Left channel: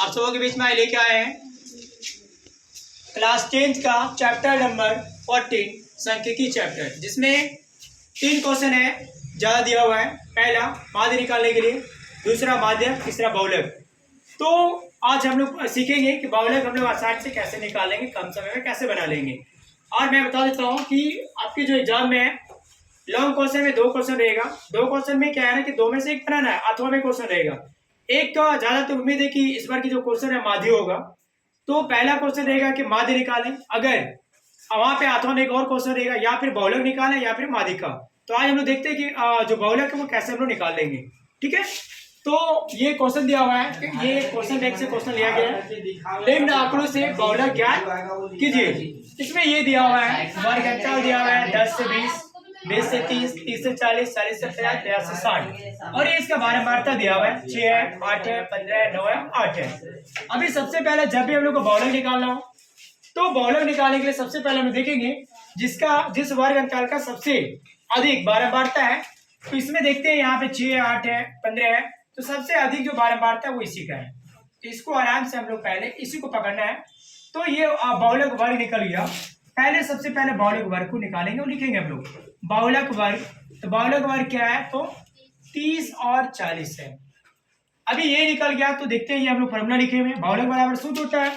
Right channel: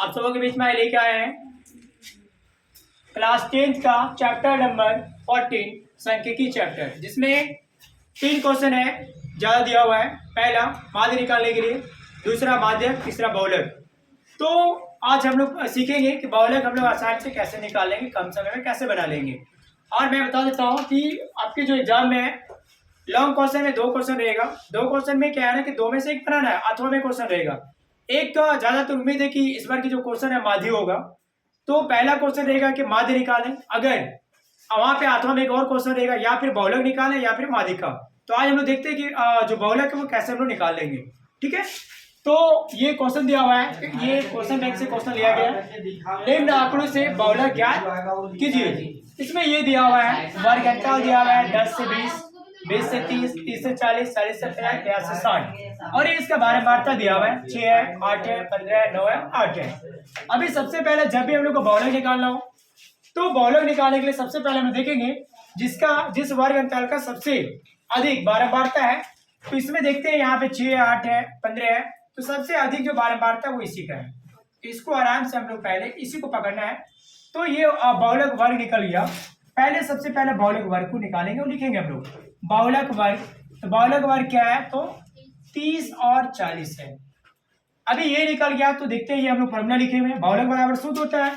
आप सबों के बीच में लेके आए हैं क्लास 10 का चैप्टर नंबर 14 सांख्यिकी चैप्टर, जिसमें 3 क्वेश्चन है ज़्यादा दिया हुआ है। पहला माध्य निकालने के लिए, दूसरा माध्य, तीसरा बहुलक। तो आज हम लोग सीखेंगे कि बहुलक हम लोग आसानी से कैसे निकालेंगे, कम समय में कैसे बना लेंगे। और मैं बता देता हूँ कि आपके जो एग्जाम में है लॉन्ग क्वेश्चन में 2 क्वेश्चन रहेगा। 2 क्वेश्चन में क्या है ना कि 2 में से एक बनाना है, अथवा में क्वेश्चन रहेगा। एक का ज्यादातर उम्मीद है कि इस बार की जो क्वेश्चन है माध्य होगा। तो पहला क्वेश्चन रहेगा कि माध्य निकालें, अगर वहां पे अथवा में एक और क्वेश्चन रहेगा या फिर बहुलक निकालें या फिर माध्य का। तो आज हम लोग देखते हैं कि जो बहुलक है वो कैसे हम लोग निकाल लेंगे। ठीक है, तो ये क्वेश्चन दिया हुआ है, ये क्वेश्चन बैंक से क्वेश्चन लिया गया है। निम्न आंकड़ों से बहुलक ज्ञात कीजिए। इसमें ये दिया हुआ है वर्ग अंतराल दिया हुआ है 10 से 20, 20 से 30, 30 से 40, 40 से 50, 50 से 60। और ये इसका बारंबारता दिया हुआ है 6 है, 8 है, 15 है, 9 है, 8 है। अभी सबसे पहले जब भी हम लोग को बहुलक निकालना हो तो बहुलक निकालने के लिए सबसे पहले हम देखेंगे जिस वर्ग अंतराल का सबसे अधिक बारंबारता है। तो इसमें देखते हैं यहाँ पे 6 है, 8 है, 15 है, तो सबसे अधिक जो बारंबारता है वो इसी का है। तो इसको आराम से हम लोग पहले इसी को पकड़ना है। तो ये बहुलक वर्ग निकल गया। पहले सबसे पहले बहुलक वर्ग को निकालेंगे और लिखेंगे हम लोग बहुलक वर्ग। तो बहुलक वर्ग क्या है, तो 30 और 40 है। अभी ये निकल गया तो देखते हैं ये हम लोग फॉर्मूला लिखे हुए हैं। बहुलक बराबर सूत्र होता है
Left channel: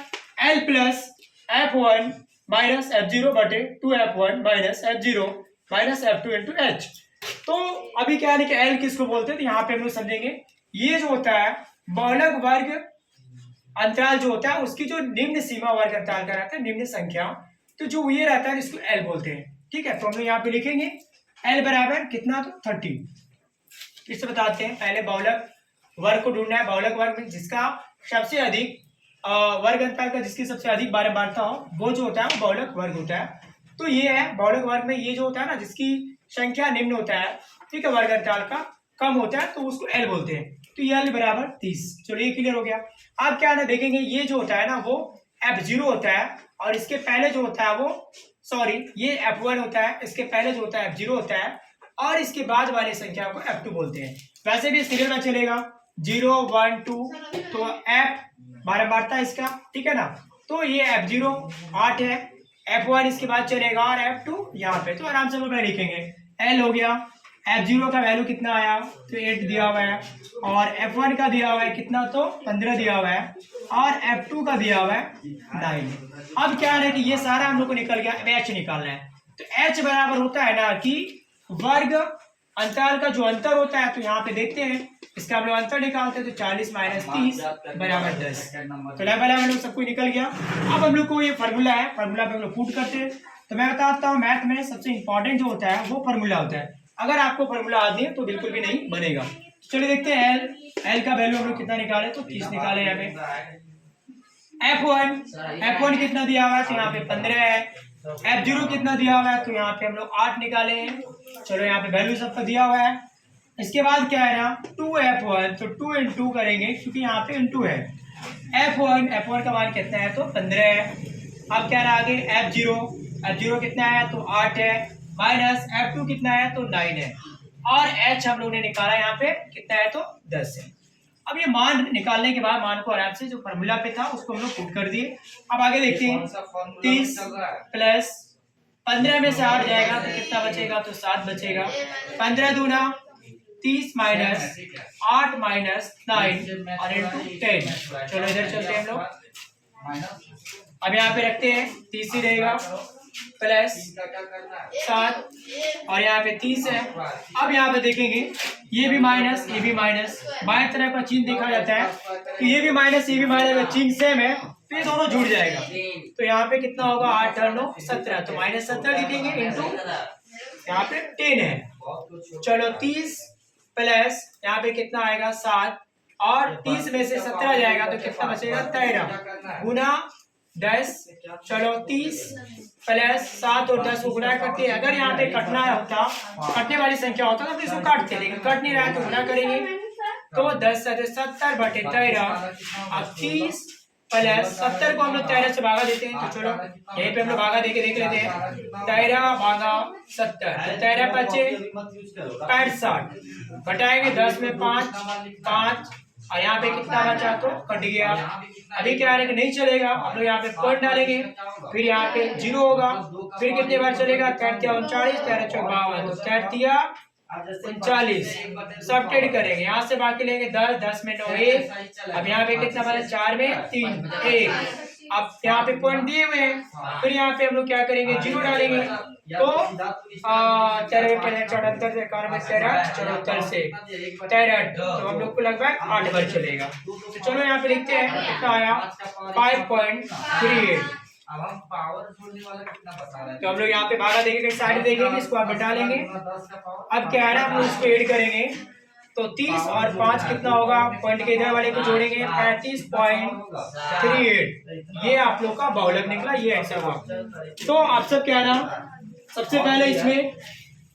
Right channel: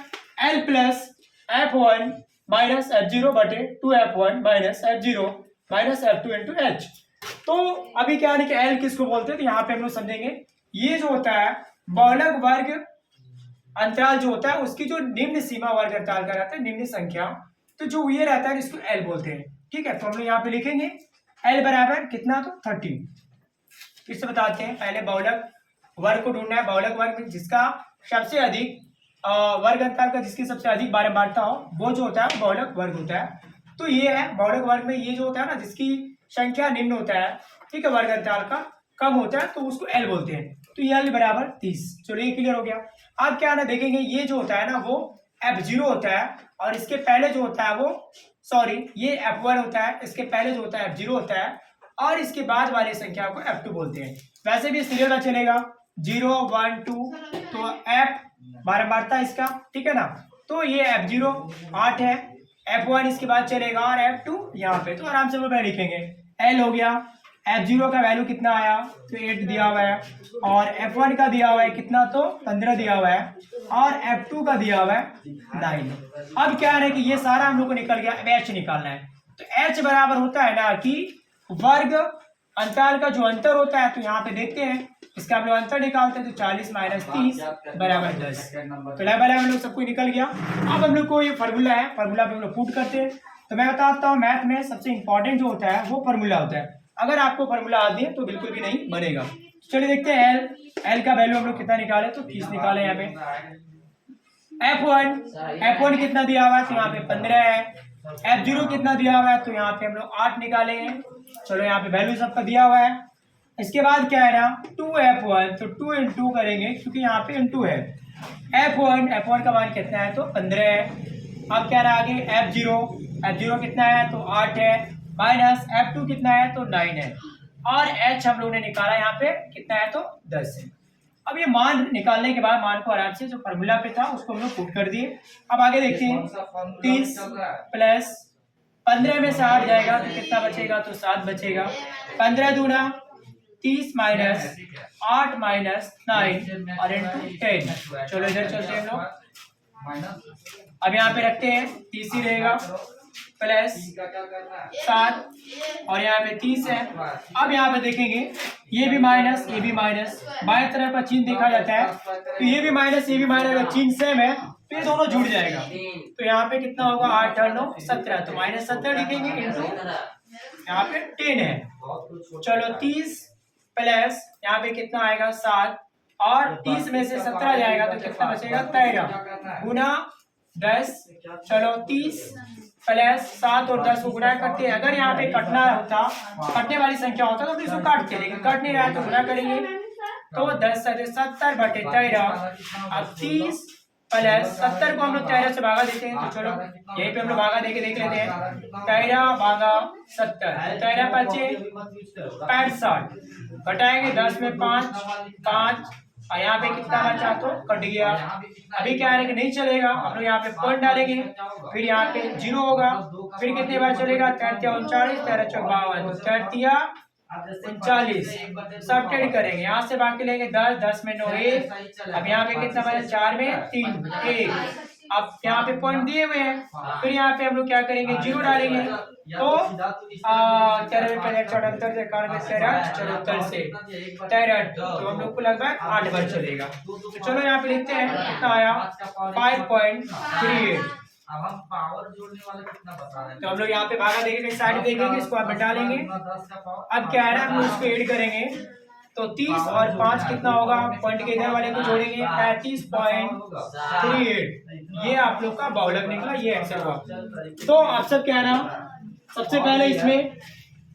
L plus F1 minus F0 बटे 2F1 minus F0 minus F2 into H। तो अभी क्या है कि L किसको बोलते हैं, तो यहाँ पे हम लोग समझेंगे ये जो होता है बहुलक वर्ग अंतराल जो होता है उसकी जो निम्न सीमा वर्ग अंतराल का रहता है, निम्न संख्या, तो जो ये रहता है इसको L बोलते हैं। ठीक है, तो हम लोग यहाँ पे लिखेंगे L बराबर कितना, तो 30। इससे बताते हैं पहले बहुलक वर्ग को ढूंढना है। बहुलक वर्ग में जिसका सबसे अधिक वर्ग अंतराल का जिसकी सबसे अधिक बारंबारता हो वो जो होता है बहुलक वर्ग होता है। तो ये है बहुलक वर्ग में ये जो होता है ना जिसकी संख्या निम्न होता है, ठीक है, वर्ग अंतराल का कम होता है, तो उसको L बोलते हैं। तो ये L बराबर 30। चलो ये क्लियर हो गया। अब क्या ना देखेंगे ये जो होता है ना वो F0 होता है और इसके पहले जो होता है वो ये F1 होता है, इसके पहले जो होता है F0 होता है और इसके बाद वाली संख्या को F2 बोलते हैं। वैसे भी क्लियर चलेगा 0 1 2, तो F बारंबारता इसका, ठीक है ना। तो ये F0 8 है, F1 इसके बाद चलेगा और F2 यहाँ पे। तो आराम से वो लिखेंगे L हो गया। F0 का वैल्यू कितना आया, तो 8 दिया हुआ है, और F1 का दिया हुआ है कितना, तो 15 दिया हुआ है, और F2 का दिया हुआ है 9। अब क्या है कि ये सारा हम लोग को निकल गया। अब H निकालना है। तो H बराबर होता है ना कि वर्ग अंतराल का जो अंतर होता है। तो यहाँ पे देखते हैं इसका हम लोग अंतर निकालते हैं, तो 40 माइनस 30 बराबर 10। तो बराबर हम लोग सब कुछ निकल गया। अब हम लोग को ये फार्मूला है, फार्मूला पे हम लोग पुट करते हैं। तो मैं बताता हूँ मैथ में सबसे इंपॉर्टेंट जो होता है वो फार्मूला होता है। अगर आपको फार्मूला आती है तो बिल्कुल भी नहीं बनेगा। चलिए देखते हैं L का वैल्यू हम लोग कितना निकाले, तो 30 निकाले। यहाँ पे F1 कितना दिया हुआ है, तो यहाँ पे 15 है। F0 कितना दिया हुआ है, तो यहाँ पे हम लोग 8 निकाले हैं। चलो यहाँ पे वैल्यू सबका दिया हुआ है। इसके बाद क्या है ना 2F1, तो 2 इंटू करेंगे क्योंकि यहाँ पे इंटू है। F1 का मान कितना है, तो 15 है। अब क्या है आगे F0 कितना है, तो 8 है, माइनस F2 कितना है, तो 9 है, और H हम लोग ने निकाला यहाँ पे कितना है, तो 10 है। अब ये मान निकालने के बाद मान को आराम से जो फार्मूला पे था उसको हम लोग पुट कर दिए। अब आगे देखते हैं 30 प्लस 15 में से 8 जाएगा तो कितना बचेगा, तो 7 बचेगा। 15 दूना 30 माइनस 8 माइनस 9 और इंटू 10। चलो इधर चलते हैं हम लोग। अब यहाँ पे रखते हैं 30 ही रहेगा प्लस 7 और यहाँ पे 30 है। अब यहाँ पे देखेंगे ये भी माइनस ये भी माइनस, बाएं तरफ का चिन्ह देखा जाता है, तो ये भी माइनस ये भी माइनस, चिन्ह सेम है तो ये दोनों जुड़ जाएगा। तो यहाँ पे कितना होगा 8 और 9 17, तो माइनस 17 लिखेंगे इंटू यहाँ पे 10 है। चलो 30 प्लस यहाँ पे कितना आएगा 7, और 30 में से 17 जाएगा तो कितना बचेगा 13 गुना 10। चलो 30 प्लस 7 और 10 को गुना करते हैं। अगर यहाँ पे कटना होता, कटने वाली संख्या होता तो इसको काटते, लेकिन कट नहीं रहा है तो गुना करेंगे। तो 10 70 बटे 13। अब 30 प्लस 70 को हम लोग 13 से भागा देते हैं। तो चलो यहीं पे हम लोग भागा देके देख लेते हैं। 13 भागा 70, 13 बचे 65, घटाएंगे 10 में 5 5 और यहाँ पे कितना बचा तो कट गया। अभी क्या है कि नहीं चलेगा, हम लोग यहाँ पे पॉइंट डालेंगे, फिर यहाँ पे 0 होगा, फिर कितने बार चलेगा, 39 13 54, तो 39 सब्ट्रैक्ट करेंगे, यहाँ से बाकी लेंगे 10, 10 में 9 1, अब यहाँ पे कितना बचा, 4 में 3 1, अब यहाँ पे पॉइंट दिए हुए हैं, फिर यहाँ पे हम लोग क्या करेंगे, 0 डालेंगे, तो 13 74 से 74 से 63, तो हम लोग को लगभग 8 बार चलेगा। तो चलो यहाँ पे लिखते हैं कितना आया, 5.38। अब हम पावर जोड़ने वाला कितना बता रहे हैं, तो हम लोग यहाँ पे भागा देखेंगे, साइड देखेंगे, इसको आप बटा लेंगे। अब क्या है ना, हम लोग इसको ऐड करेंगे, तो 30 और 5 कितना होगा, पॉइंट के इधर वाले को जोड़ेंगे 35.38। ये आप लोग का बहुलक निकला, ये आंसर हुआ। तो आप सब क्या है ना, सबसे पहले इसमें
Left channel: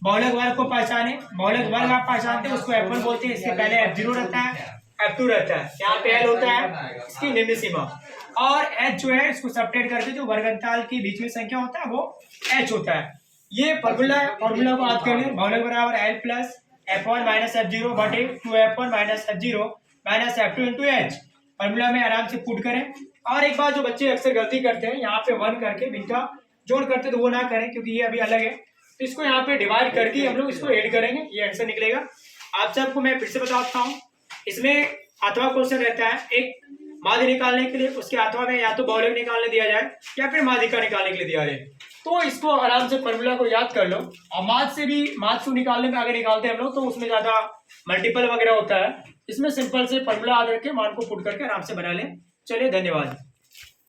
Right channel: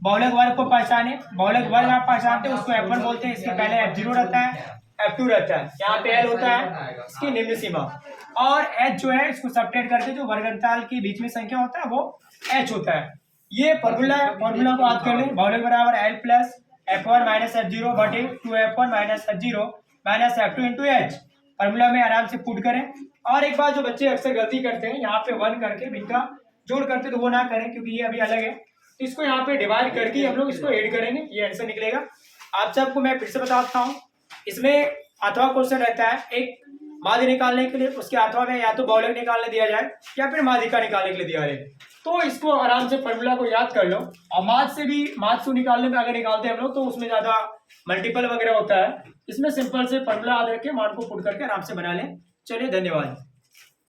बहुलक वर्ग को पहचाने। बहुलक वर्ग आप पहचानते हैं, उसको F1 बोलते हैं, इसके पहले F0 रहता है, F2 रहता है, यहाँ पे L होता है इसकी निम्न सीमा, और H जो है इसको सब्ट्रैक्ट करके जो वर्गंताल के बीच में संख्या होता है वो H होता है। ये फॉर्मूला को याद कर लें, बहुलक बराबर L plus F1 minus F0 बटे 2F1 minus F0 minus F2 into H। Formula में आराम से पुट करें। और एक बात जो बच्चे अक्सर गलती करते हैं, यहाँ पे 1 करके इनका जोड़ करते तो वो ना करें, क्योंकि ये अभी अलग है, तो इसको यहाँ पे डिवाइड करके हम लोग इसको ऐड करेंगे, ये आंसर निकलेगा। आप सबको मैं फिर से बताता हूँ, इसमें अथवा क्वेश्चन रहता है, एक माध्य निकालने के लिए उसके अथवा में या तो बहुलक निकालने दिया जाए या फिर माध्यिका निकालने के लिए दिया जाए, तो इसको आराम से फॉर्मूला को याद कर लो। और माध्य से भी माध्य निकालने में अगर निकालते हैं हम लोग तो उसमें ज्यादा मल्टीपल वगैरह होता है, इसमें सिंपल से फॉर्मूला याद रख के मान को पुट करके आराम से बना लें। चलिए, धन्यवाद।